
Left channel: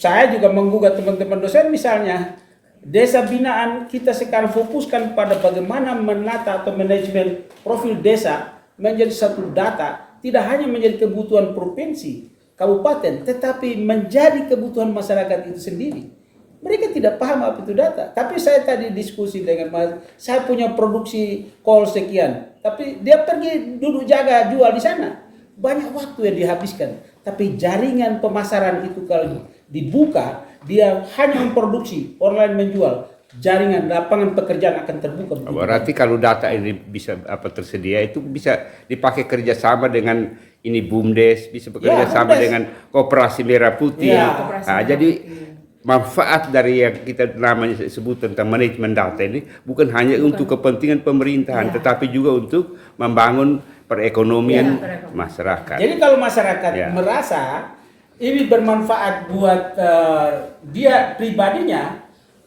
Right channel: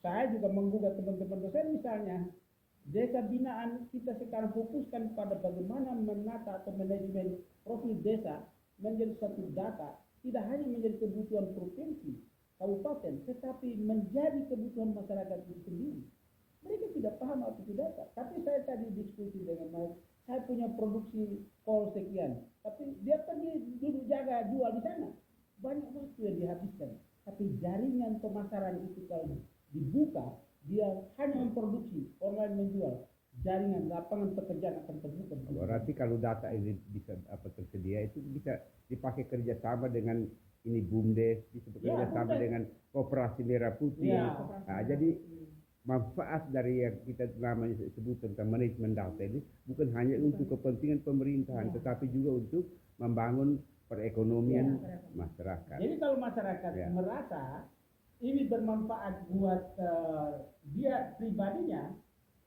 saya juga menggugat teman-teman dosen misalnya, desa binaan kita sekarang fokuskan pada bagaimana menata atau manajemen profil desa menjadi satu data, tidak hanya menjadi kebutuhan provinsi, kabupaten, tetapi menjadi kebutuhan masyarakat itu sendiri. Mereka tidak paham apa itu data. Tapi saya tadi diskusi dengan Mas, saya punya produksi kol sekian, tapi dia pergi duduk jaga jual di sana. Banyak waktu yang dihabiskan. Tapi jaringan pemasaran itu kalau dibuka, dia hanya memproduksi, online menjual. Jaringan lapangan pekerjaan akan terbuka. Berarti kalau data ini bisa tersedia itu bisa dipakai kerjasama dengan ini BUMDes, bisa bekerja sama dengan Koperasi Merah Putih. Jadi manfaat dari yang kita namanya sebut tentang manajemen data ini bukan hanya untuk kepentingan pemerintahan, tetapi juga untuk membangun perekonomian masyarakat. Jadi kalau masyarakat merasa ini bermanfaat buat dia pribadinya,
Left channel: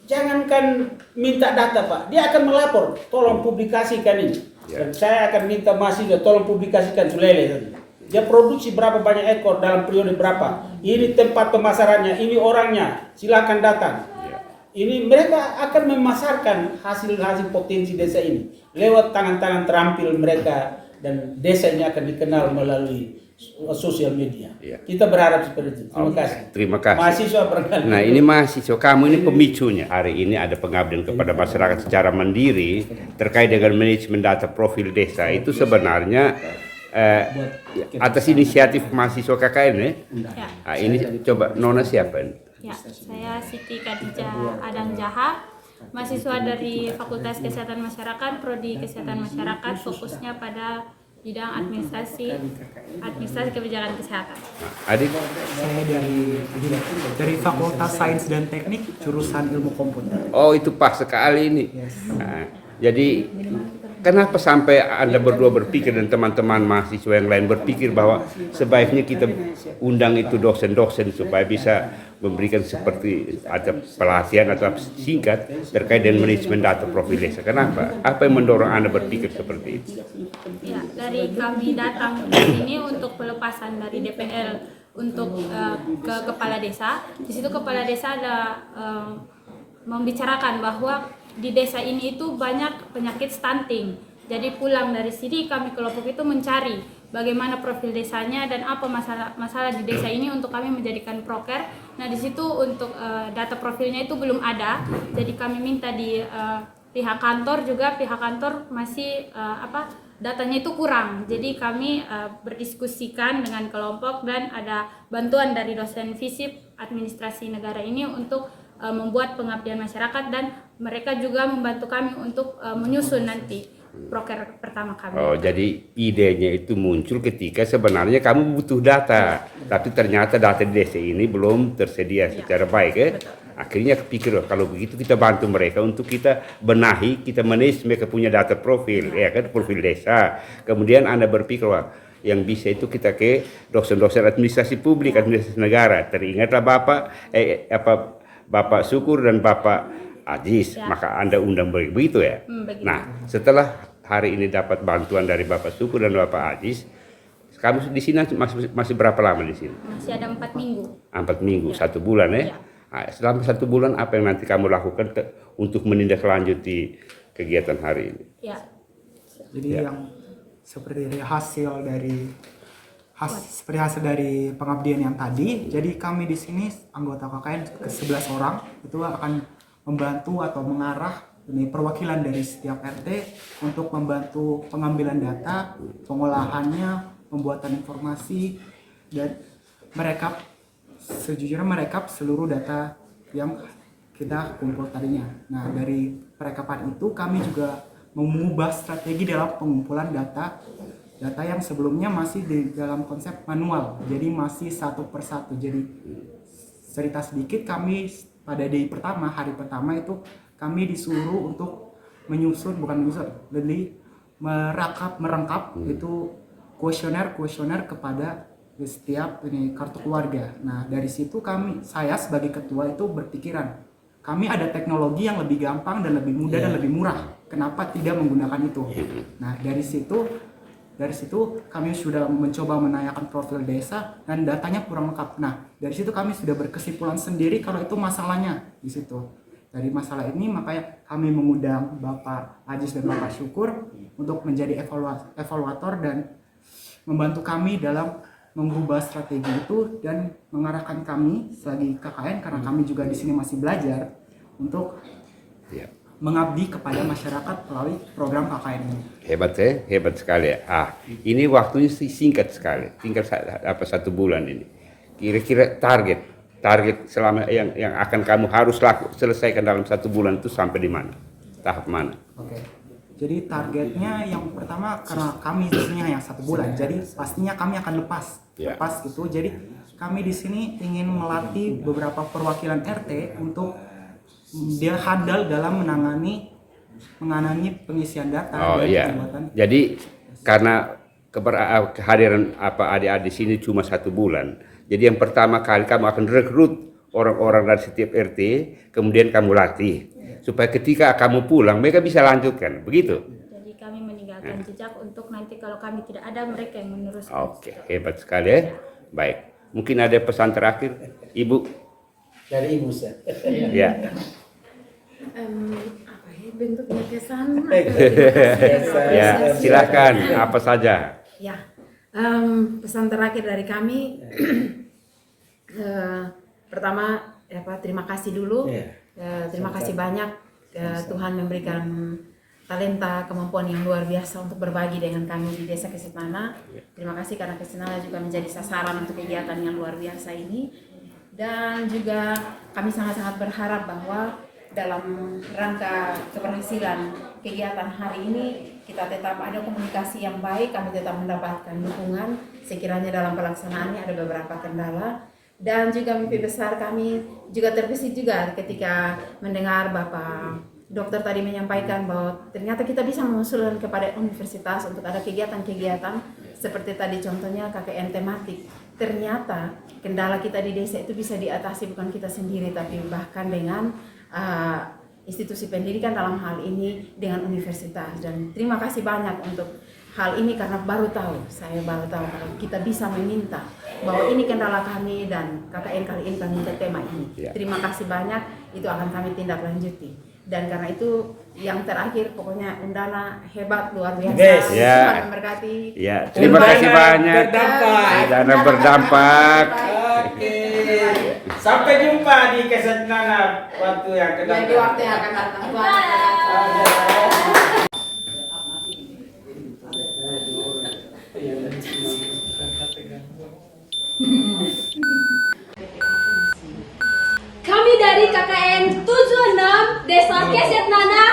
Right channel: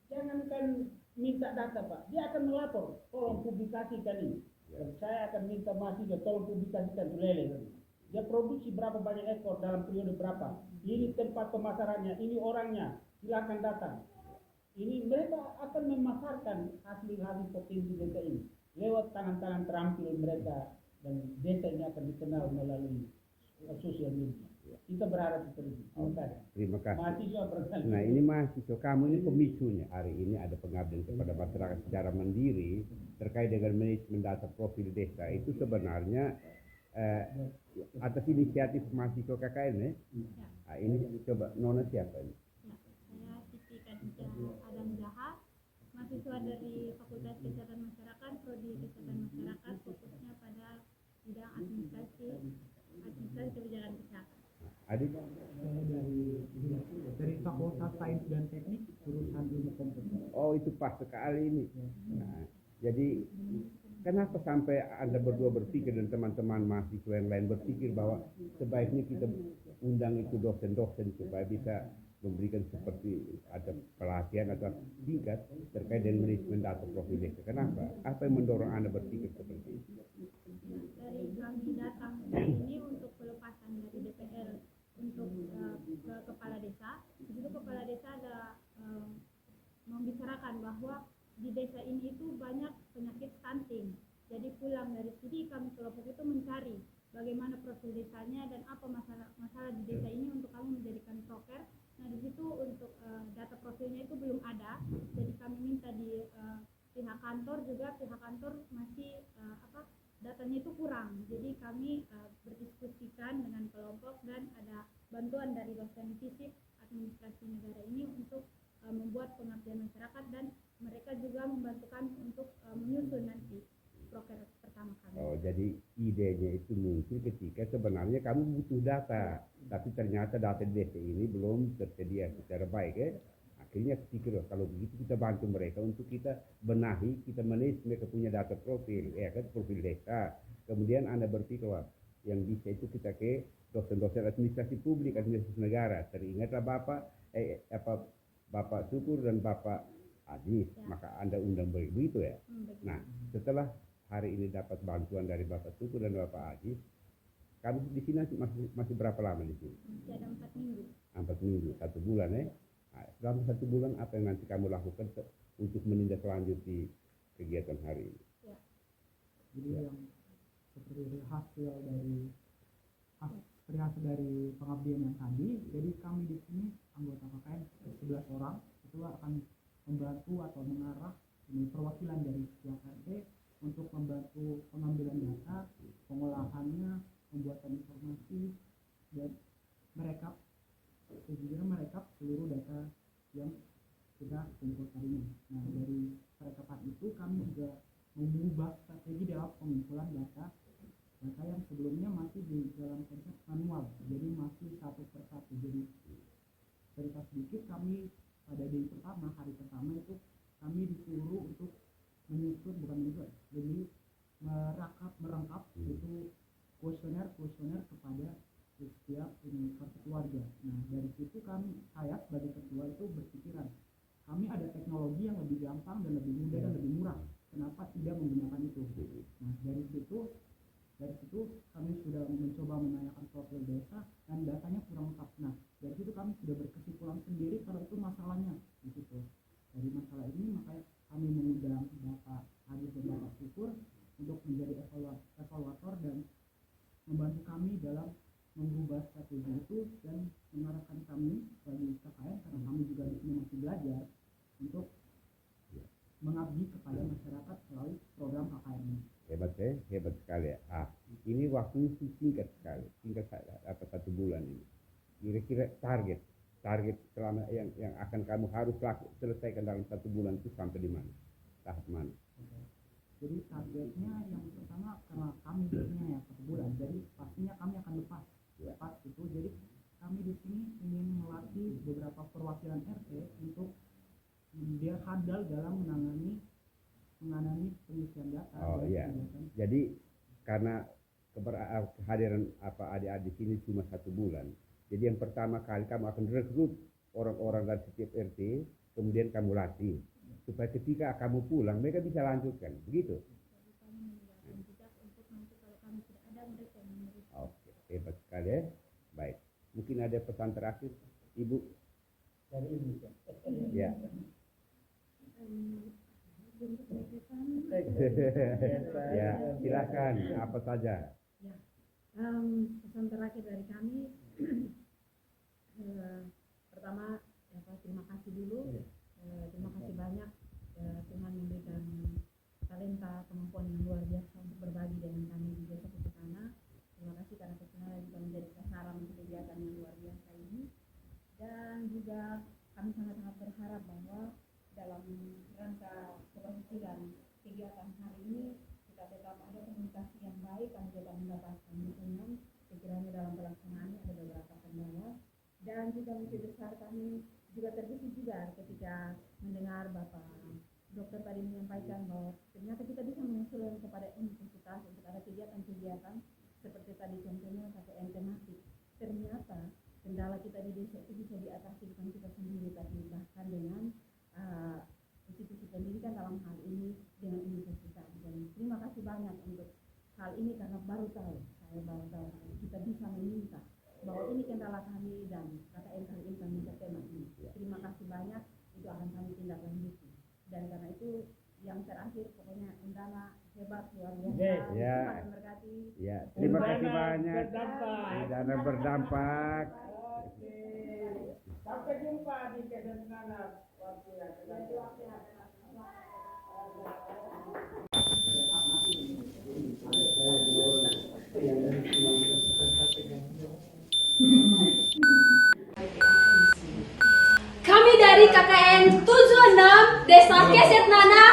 jangankan minta data Pak, dia akan melapor, tolong publikasikan ini. Dan saya akan minta mahasiswa tolong publikasikan sulele tadi. Dia produksi berapa banyak ekor dalam periode berapa. Ini tempat pemasarannya, ini orangnya, silakan datang. Ini mereka akan memasarkan hasil-hasil potensi desa ini lewat tangan-tangan terampil mereka, dan desa ini akan dikenal melalui sosial media. Kita berharap seperti itu. Terima kasih. Terima kasih. Mahasiswa barangkali. Nah, ini mahasiswa, kamu ini pemicunya. Hari ini ada pengabdian kepada masyarakat secara mandiri terkait dengan manajemen data profil desa. Itu sebenarnya atas inisiatif mahasiswa KKN ya. Nah, ini coba Nona siapa ini? Ya, saya Siti Khadijah Adang Jaha, mahasiswa dari Fakultas Kesehatan Masyarakat, Prodi Kesehatan Masyarakat, fokusnya pada bidang administrasi kebijakan kesehatan. Adik? Saya dari Fakultas Sains dan Teknik, jurusan Ilmu Komputer. Oh, itu pas sekali ini. Nah, jadi kenapa sampai Anda berdua berpikir dan teman-teman mahasiswa yang lain berpikir bahwa sebaiknya kita undang itu dosen-dosen supaya bisa memberikan seperti ada pelatihan atau singkat terkait dengan manajemen data profil desa. Kenapa? Apa yang mendorong Anda berpikir seperti itu? Ya, dari kami datang ke sini untuk pelepasan dari DPL untuk ke kepala desa. Di situ kepala desa ada membicarakan bahwa di desa ini itu banyak penyakit stunting. Jadi pulang dari sini kami kelompok itu mencari bagaimana profil desanya dan apa masalah di desa ini untuk kami menjadikan proker. Nah, di situ untuk data profilnya itu belum ada. Jadi kami minta di pihak kantor juga, pihak kantor masih datanya itu kurang. Jadi kami berdiskusikan dengan kelompok dan ada bantuan dari dosen FISIP administrasi negara ini untuk membuat pengabdian masyarakat, dan mereka juga membantu kami untuk menyusun nanti proker pertama kami. Oh, jadi idenya itu muncul ketika sebenarnya kamu butuh data, tapi ternyata data di desa ini belum tersedia secara baik ya. Akhirnya kepikir, kalau begitu kita bantu mereka untuk kita benahi, kita manage mereka punya data profil, ya kan, profil desa. Kemudian Anda berpikir, wah, yang bisa itu kita ke dosen-dosen administrasi publik, administrasi negara. Teringatlah Bapak Syukur dan Bapak Ajis, maka Anda undang begitu ya. Begitu. Nah, setelah hari ini dapat bantuan dari Bapak Syukur dan Bapak Ajis, Kamu di sini masih berapa lama di sini? Masih ada 4 minggu. 4 minggu, Ya. 1 bulan ya. Ya. Nah, selama 1 bulan apa yang nanti kamu lakukan untuk menindaklanjuti kegiatan hari ini? Ya. Jadi Ya. yang seperti hasil dari pengabdian yang tadi. Jadi kami di sini anggota KKN ke 11 orang itu akan membantu atau mengarah ini perwakilan dari setiap RT untuk membantu pengambilan data, pengolahannya, pembuatan informasi, dan merekap seluruh data yang kita kumpul tadinya. Nah, dari perekapan itu kami juga mengubah strategi dalam pengumpulan data yang sebelumnya masih di dalam konsep manual, jadi masih satu persatu. Jadi cerita sedikit, kami pada hari pertama itu kami disuruh untuk jadi merengkap itu kuesioner kepada setiap kartu keluarga. Nah, dari situ saya sebagai ketua itu berpikiran, kami ada teknologi yang lebih gampang dan lebih mudah dan lebih murah. Kenapa tidak menggunakan itu? Nah, dari situ kami sudah mencoba menanyakan profil desa dan datanya kurang lengkap. Nah, dari situ kami sudah berkesimpulan sendiri kalau itu masalahnya di situ. Dari masalah ini makanya kami mengundang Bapak Ajis dan Bapak Syukur untuk menjadi evaluator dan membantu kami dalam mengubah strategi itu dan mengarahkan kami selagi KKN, karena kami juga di sini masih belajar untuk mengabdi kepada masyarakat melalui program KKN ini. Hebat ya, hebat sekali ya. Ini waktunya singkat sekali, tinggal 1 bulan ini. Kira-kira target selama yang akan kamu harus selesaikan dalam 1 bulan itu sampai di mana? Tahap mana? Oke. Jadi targetnya yang pertama, karena kami di sini hanya 1 bulan, jadi pastinya kami akan lepas gitu. Jadi kami di sini ingin melatih beberapa perwakilan RT untuk dia handal dalam menangani pengisian data dan pembuatan. Jadi karena kehadiran adik-adik di sini cuma 1 bulan, jadi yang pertama kali kamu akan rekrut orang-orang dari setiap RT, kemudian kamu latih supaya ketika kamu pulang mereka bisa lanjutkan, begitu. Jadi kami meninggalkan jejak untuk nanti kalau kami tidak ada, mereka yang meneruskan. Oke, hebat sekali ya. Baik, mungkin ada pesan terakhir, Ibu? Dari Ibu Seth. Ya. Bentuknya kesan. Ya, silakan apa saja. Ya, pesan terakhir dari kami, pertama terima kasih dulu. Terima kasih banyak, Tuhan memberikan talenta, kemampuan yang luar biasa untuk berbagi dengan kami di Desa Kesetnana. Terima kasih karena Kesetnana juga menjadi sasaran untuk kegiatan yang luar biasa ini. Dan juga kami sangat-sangat berharap bahwa dalam rangka keberhasilan kegiatan hari ini kita tetap ada komunikasi yang baik, kami tetap mendapatkan dukungan. Sekiranya dalam pelaksanaannya ada beberapa kendala, dan juga mimpi besar kami juga terbesit juga ketika mendengar Bapak Dokter tadi menyampaikan bahwa ternyata kita bisa mengusulkan kepada universitas untuk ada kegiatan-kegiatan seperti tadi contohnya KKN tematik. Ternyata kendala kita di desa itu bisa diatasi bukan kita sendiri, tapi bahkan dengan institusi pendidikan, dalam hal ini dengan universitas. Dan terima kasih banyak untuk hal ini karena saya baru tahu kalau kita bisa meminta bahwa ini kendala kami dan KKN kali ini kami minta tema ini. Terima kasih banyak, itu akan kami tindak lanjuti. Dan karena itu yang terakhir pokoknya Undana hebat, luar biasa. Tuhan memberkati. Ya, terima kasih banyak. Undana berdampak. Oke. Sampai jumpa di Kesetnana waktu yang akan datang. Jadi waktu yang akan datang. Kami dari KKN 76 Desa Kesetnana